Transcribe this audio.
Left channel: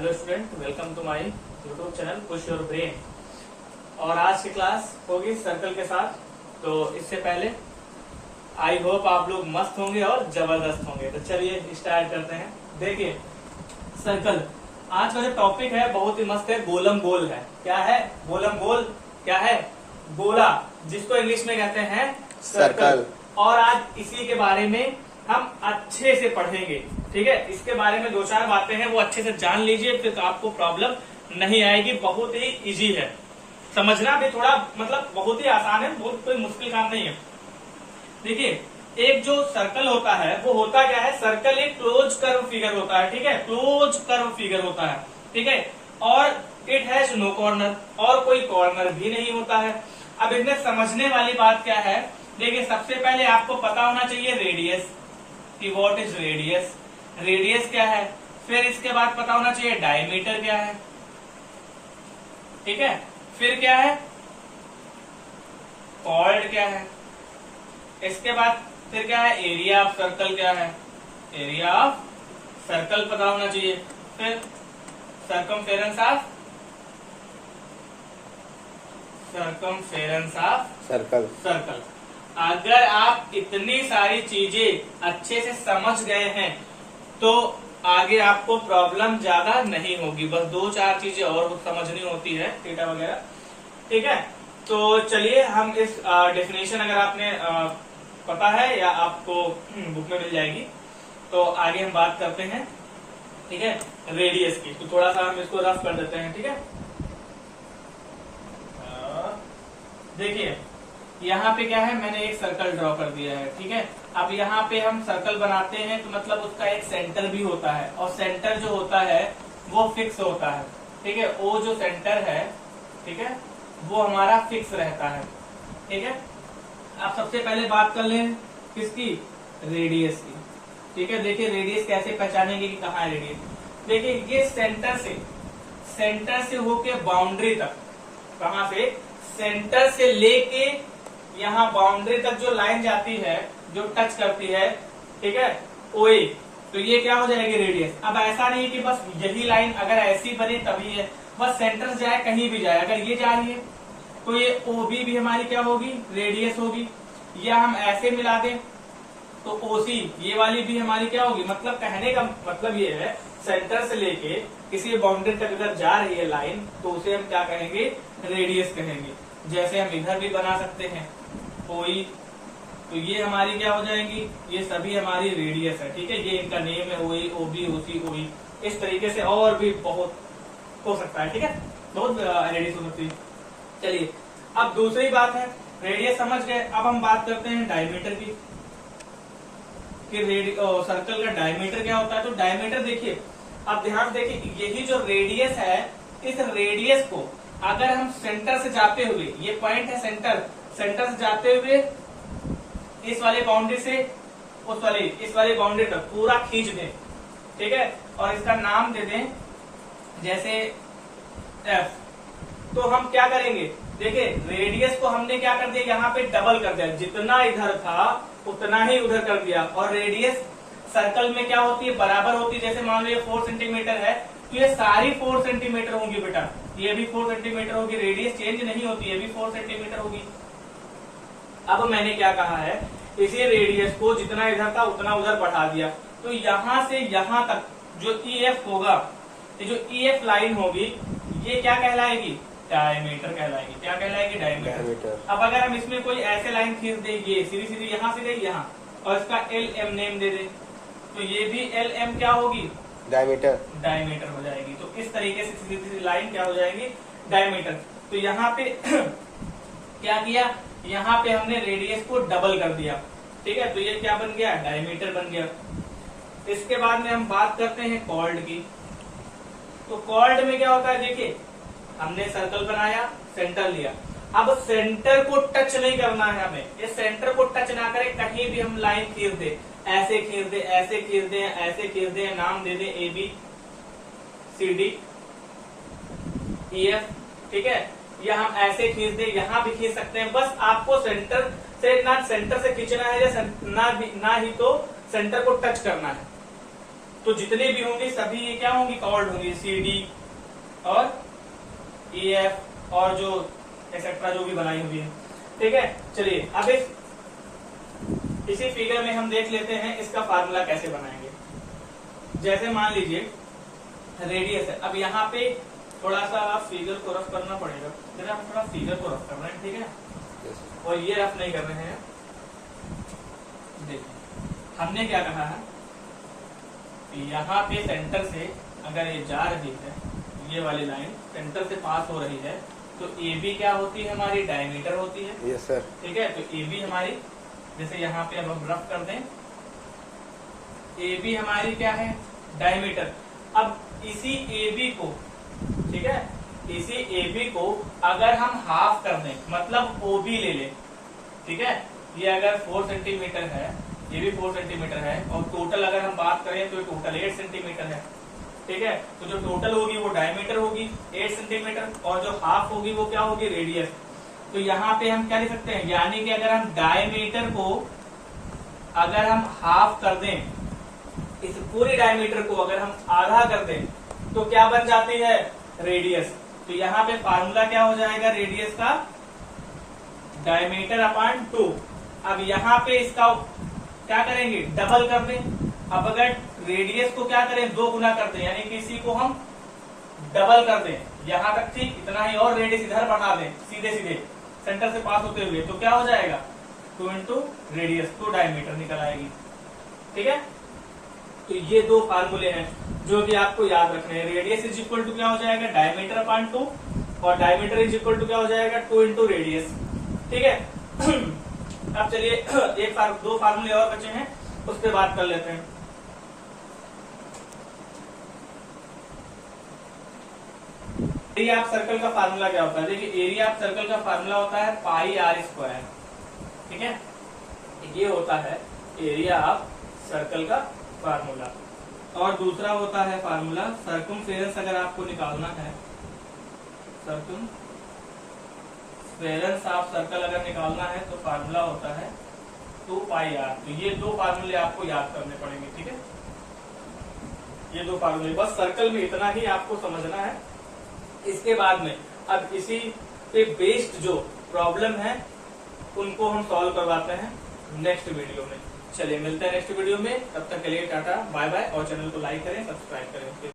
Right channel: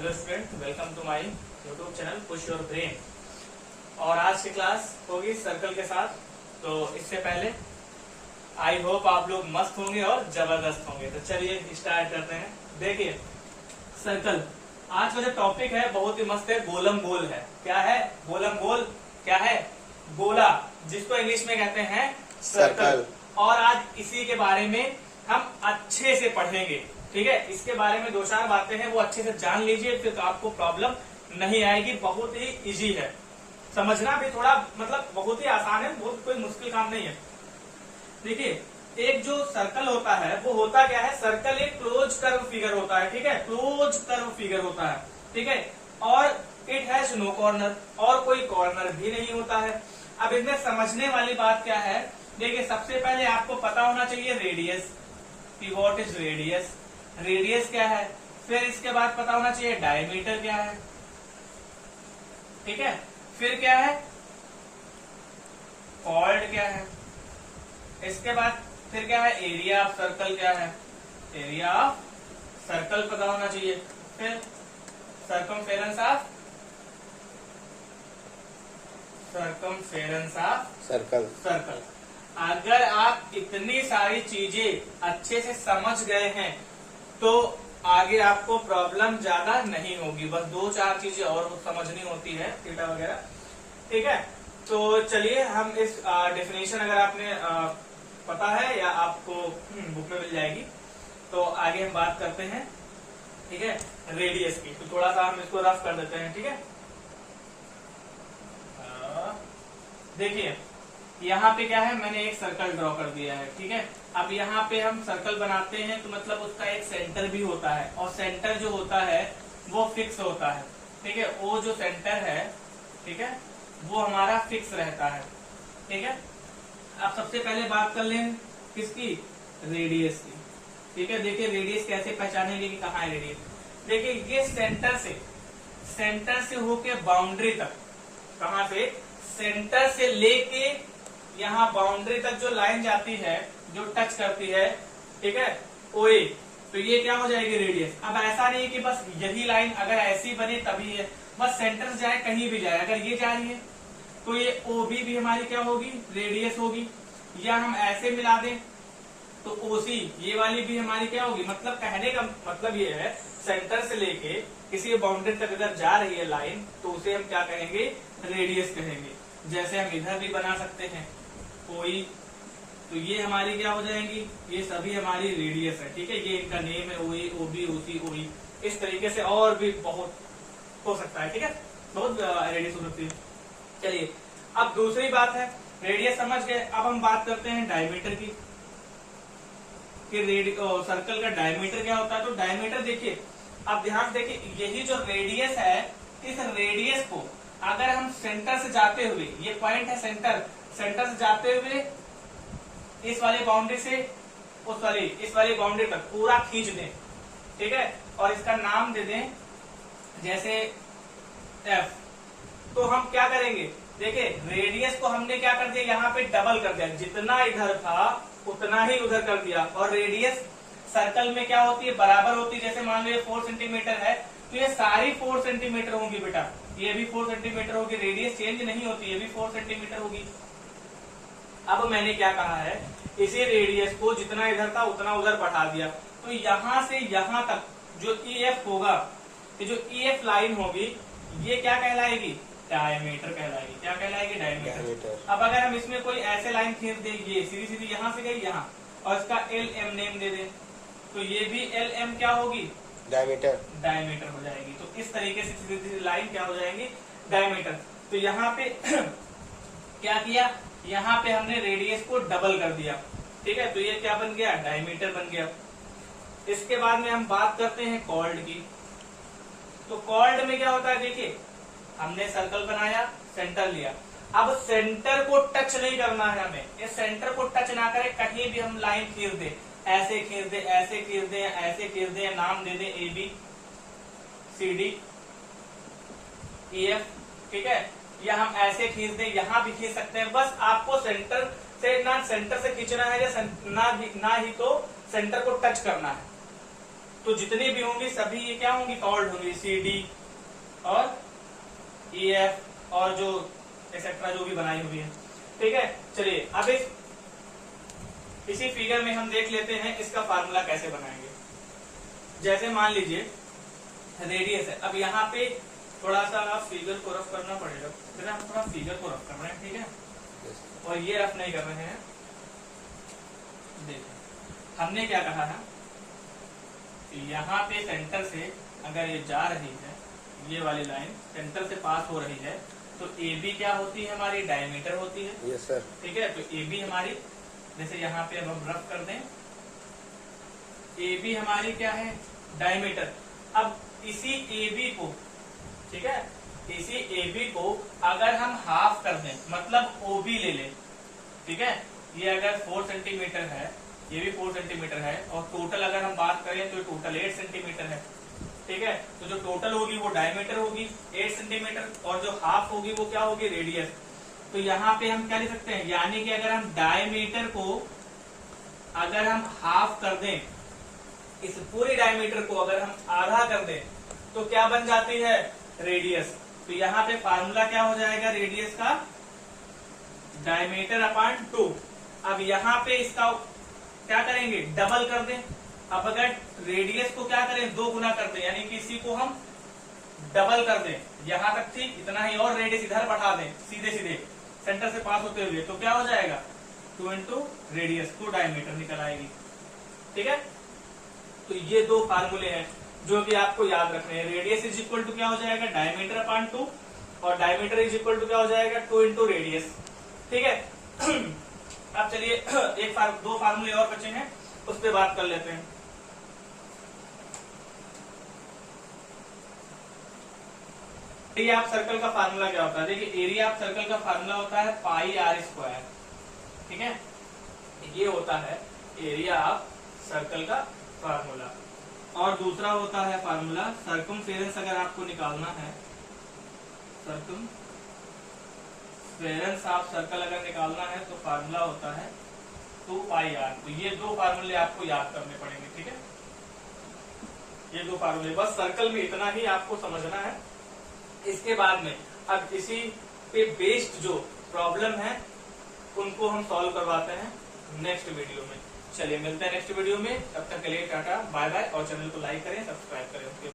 Hello student, welcome to my YouTube channel push your brain. और आज की class होगी सर्कल के साथ। तो इससे पहले आई होप आप लोग मस्त होंगे और जबरदस्त होंगे। तो चलिए स्टार्ट करते हैं। देखिए, सर्कल आज का जो टॉपिक है बहुत ही मस्त है। गोलम गोल है। क्या है? गोलम गोल क्या है? गोला, जिसको इंग्लिश में कहते हैं सर्कल। और आज इसी के बारे में हम अच्छे से पढ़ेंगे। ठीक है, इसके बारे में दो चार बातें हैं, वो अच्छे से जान लीजिए, फिर तो आपको प्रॉब्लम नहीं आएगी। बहुत ही इजी है, समझना भी थोड़ा मतलब बहुत ही आसान है, बहुत कोई मुश्किल काम नहीं है। देखिए, एक जो सर्कल होता है वो होता क्या है? सर्कल एक क्लोज कर्व फिगर होता है। ठीक है, क्लोज कर्व फिगर होता है। ठीक है, और इट हैज नो कॉर्नर, और कोई कॉर्नर भी नहीं होता है। अब इसमें समझने वाली बात क्या है? देखिए, सबसे पहले आपको पता होना चाहिए रेडियस कि व्हाट इज रेडियस। रेडियस क्या है? फिर इसके बाद पता होना चाहिए डायमीटर क्या है। ठीक है, फिर क्या है? कॉर्ड क्या है। इसके बाद फिर क्या है? एरिया ऑफ सर्कल क्या है। एरिया ऑफ सर्कल पता होना चाहिए। फिर सर्कमफेरेंस ऑफ सर्कल। अगर आप इतनी सारी चीजें अच्छे से समझ गए हैं तो आगे आपको प्रॉब्लम ज्यादा नहीं होगी। बस दो चार चीजें और समझनी होती है, थीटा वगैरह। ठीक है, तो चलिए हम इस डेफिनेशन अगर आपने पता है या आपको बुक में मिल जाएगी, तो आगे हम बात करते हैं। ठीक है, रेडियस की। तो थोड़ा सा हम इसको रफ कर देते हैं। ठीक है, देखिए यहाँ पे क्या है, मैंने एक सर्कल ड्रॉ कर दिया है। ठीक है, अब यहाँ पे हम सर्कल बनाते हैं तो मतलब उसका एक सेंटर भी होता है, और सेंटर जो होता है वो फिक्स होता है। ठीक है, वो जो सेंटर है, ठीक है, वो हमारा फिक्स रहता है। ठीक है, अब सबसे पहले बात कर लें किसकी? रेडियस की। ठीक है, देखिए रेडियस कैसे पहचानेंगे कि कहाँ है रेडियस। देखिए, ये सेंटर से होके बाउंड्री तक, कहाँ से? सेंटर से लेके यहाँ बाउंड्री तक जो लाइन जाती है, जो टच करती है, ठीक है, ओए, तो ये क्या हो जाएगी? रेडियस। अब ऐसा नहीं कि बस यही लाइन अगर ऐसी बने तभी है, बस सेंटर से जाए कहीं भी जाए, अगर ये जा रही है तो ये ओबी भी हमारी क्या होगी? रेडियस होगी। या हम ऐसे मिला दें तो ओसी, ये वाली भी हमारी क्या होगी? मतलब कहने का मतलब ये है, सेंटर से लेके किसी बाउंड्री तक अगर जा रही है लाइन तो उसे हम क्या कहेंगे? रेडियस कहेंगे। जैसे हम इधर भी बना सकते हैं कोई, तो ये हमारी क्या हो जाएंगी? ये सभी हमारी रेडियस है। ठीक है, ये इनका नेम है, ओई, ओबी, ओसी, ओई। इस तरीके से और भी बहुत हो सकता है। ठीक है, बहुत रेडियस हो सकती है। चलिए, अब दूसरी बात है, रेडियस समझ गए। अब हम बात करते हैं डायमीटर की, कि सर्कल का डायमीटर क्या होता है। तो डायमीटर देखिए, अब ध्यान देखिए, यही जो रेडियस है, इस रेडियस को अगर हम सेंटर से जाते हुए, ये पॉइंट है सेंटर से जाते हुए इस वाले बाउंड्री से इस वाली बाउंड्री तक पूरा खींच दें। ठीक है, और इसका नाम दे दें जैसे एफ। तो हम क्या करेंगे? देखिए, रेडियस को हमने क्या कर दिया? यहाँ पे डबल कर दिया, जितना इधर था उतना ही उधर कर दिया। और रेडियस सर्कल में क्या होती है? बराबर होती है। जैसे मान लो ये 4 सेंटीमीटर है, तो ये सारी 4 सेंटीमीटर होंगी बेटा, ये भी 4 सेंटीमीटर होगी। रेडियस चेंज नहीं होती, ये भी 4 सेंटीमीटर होगी। अब मैंने क्या कहा है? इसी रेडियस को जितना इधर था उतना उधर बढ़ा दिया। तो यहाँ से यहाँ तक जो EF होगा, ये जो EF लाइन होगी, ये क्या कहलाएगी? डायमीटर कहलाएगी। क्या कहलाएगी? डायमीटर। अब अगर हम इसमें कोई ऐसे लाइन खींच देंगे, सीधी सीधी यहाँ से गई यहाँ, और इसका LM नेम दे दे, तो ये भी LM क्या होगी? डायमीटर हो जाएगी। तो इस तरीके से सीधी सीधी लाइन क्या हो जाएगी? डायमीटर। तो यहाँ पे क्या किया? यहाँ पे हमने रेडियस को डबल कर दिया। ठीक है, तो ये क्या बन गया? डायमीटर बन गया। इसके बाद में हम बात करते हैं कॉर्ड की। तो कॉर्ड में क्या होता है? देखिए, हमने सर्कल बनाया, सेंटर लिया। अब सेंटर को टच नहीं करना है हमें, ये सेंटर को टच ना करे, कहीं भी हम लाइन खींच दे, ऐसे खींच दे, ऐसे खींच दे, ऐसे खींच दे, नाम दे दे AB, CD, EF। ठीक है, या हम ऐसे खींच दे, यहाँ भी खींच सकते हैं। बस आपको सेंटर से खींचना है, या ना ही तो सेंटर को टच करना है। तो जितने भी होंगे सभी ये क्या होंगी, कॉर्ड होंगी, सी डी और ई एफ और जो एक्सेट्रा जो भी बनाई हुई है। ठीक है, चलिए अब इसी फिगर में हम देख लेते हैं इसका फार्मूला कैसे बनाएंगे। जैसे मान लीजिए रेडियस है, अब यहाँ पे थोड़ा सा फिगर को रफ करना पड़ेगा, जरा थोड़ा फिगर को रफ करना है, ठीक है, और ये रफ नहीं कर रहे हैं। देखिए हमने क्या कहा है, यहाँ पे सेंटर से अगर ये जा रही है, ये वाली लाइन सेंटर से पास हो रही है, तो ए बी क्या होती है, हमारी डायमीटर होती है। Yes sir. ठीक है, तो ए बी हमारी, जैसे यहाँ पे अब हम रफ कर दें, ए बी हमारी क्या है, डायमीटर। अब इसी ए बी को, ठीक है, इसी ए बी को अगर हम हाफ कर दें, मतलब ओ बी ले लें, ठीक है, ये अगर 4 सेंटीमीटर है, ये भी 4 सेंटीमीटर है, और टोटल अगर हम बात करें तो टोटल 8 सेंटीमीटर है। ठीक है, तो जो टोटल होगी वो डायमीटर होगी 8 सेंटीमीटर, और जो हाफ होगी वो क्या होगी, रेडियस। तो यहाँ पे हम क्या लिख सकते हैं, यानी कि अगर हम डायमीटर को अगर हम हाफ कर दें, इस पूरी डायमीटर को अगर हम आधा कर दें, तो क्या बन जाती है, रेडियस। तो यहाँ पे फार्मूला क्या हो जाएगा रेडियस का, डायमीटर अपॉन 2। अब यहाँ पे इसका क्या करेंगे, डबल कर दें। अब अगर रेडियस को क्या करें, 2 गुना कर दें, यानी कि इसी को हम डबल कर दें, यहां तक ठीक इतना ही, और रेडियस इधर बढ़ा दें सीधे सीधे सेंटर से पास होते हुए, तो क्या हो जाएगा, 2 इंटू रेडियस, तो डायमीटर निकल आएगी। ठीक है, तो ये 2 फार्मूले हैं जो कि आपको याद रखने हैं। रेडियस इज इक्वल टू क्या हो जाएगा, डायमीटर अपॉन 2, और डायमीटर इज इक्वल टू क्या हो जाएगा, 2 इंटू रेडियस। ठीक है, अब चलिए 2 फार्मूले और बचे हैं, उस पर बात कर लेते हैं। एरिया ऑफ सर्कल का फार्मूला क्या होता है, देखिए एरिया ऑफ सर्कल का फार्मूला होता है पाई आर स्क्वायर। ठीक है, ये होता है एरिया ऑफ सर्कल का फार्मूला। और दूसरा होता है फार्मूला सर्कमफेरेंस, अगर आपको निकालना है, सर्कमफेरेंस ऑफ सर्कल अगर निकालना है तो फार्मूला होता है 2 पाई आर। तो ये 2 फार्मूले आपको याद करने पड़ेंगे। ठीक है, ये 2 फार्मूले, बस सर्कल में इतना ही आपको समझना है। इसके बाद में अब इसी पे बेस्ड जो प्रॉब्लम है उनको हम सॉल्व करवाते हैं नेक्स्ट वीडियो में। चलिए मिलते हैं नेक्स्ट वीडियो में, तब तक के लिए टाटा बाय बाय, और चैनल को लाइक करें, सब्सक्राइब करें।